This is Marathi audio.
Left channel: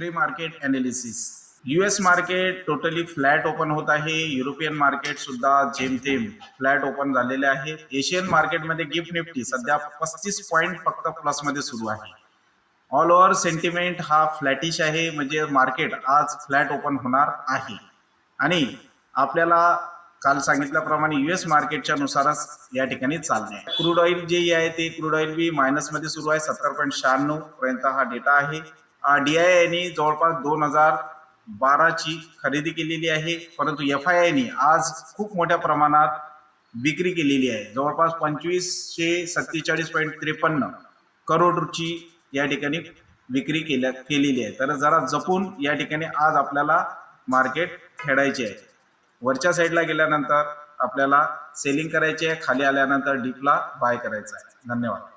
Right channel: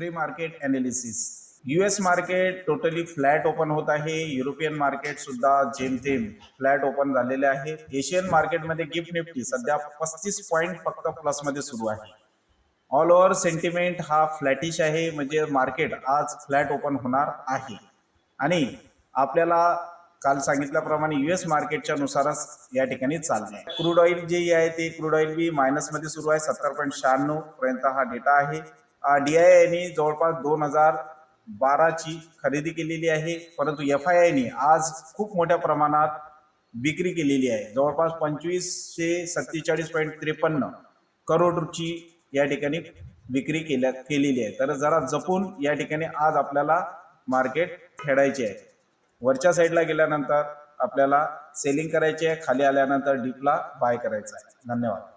Pre market analysis US market totally flat open होत आहे. युरोपियन मार्केट सुद्धा जेमतेम फ्लॅट ओपन झालेले आहे. एशियन मार्केटमध्ये गिफ्ट निफ्टी सध्या पस्तीस पॉईंट फक्त प्लसमध्ये सुरू आहे. ऑल ओव्हर सेंटिमेंट हा फ्लॅटिश आहे. म्हणजे मार्केट आज फ्लॅट ओपन होणार आहे. आणि आपल्याला काल सांगितल्याप्रमाणे युएस मार्केटच्या नुसारच या ठिकाणी चालले क्रूड ऑइल जे आहे ते क्रूड ऑइल बी मायनसमध्ये सुरू आहे. सत्तर पॉईंट शहाण्णव पर्यंत हा डेटा आहे. डी आय आयने जवळपास दोन हजार बाराची खरेदी केलेली आहे. परंतु एफ आय आयने आज खूप मोठ्या प्रमाणात विक्री केलेली आहे. जवळपास पंचवीसशे सत्तेचाळीस पॉईंट त्रेपन्न करोडची या ठिकाणी विक्री केल्या केलेली आहे. तर जरा जपून या ठिकाणी आज आपल्याला मार्केट खेळायचे आहे. वरच्या साईडला गेल्यानंतर आपल्याला सेलिंग करायची आहे. खाली आल्यानंतर डीपला बाय करायचं आहे. धन्यवाद.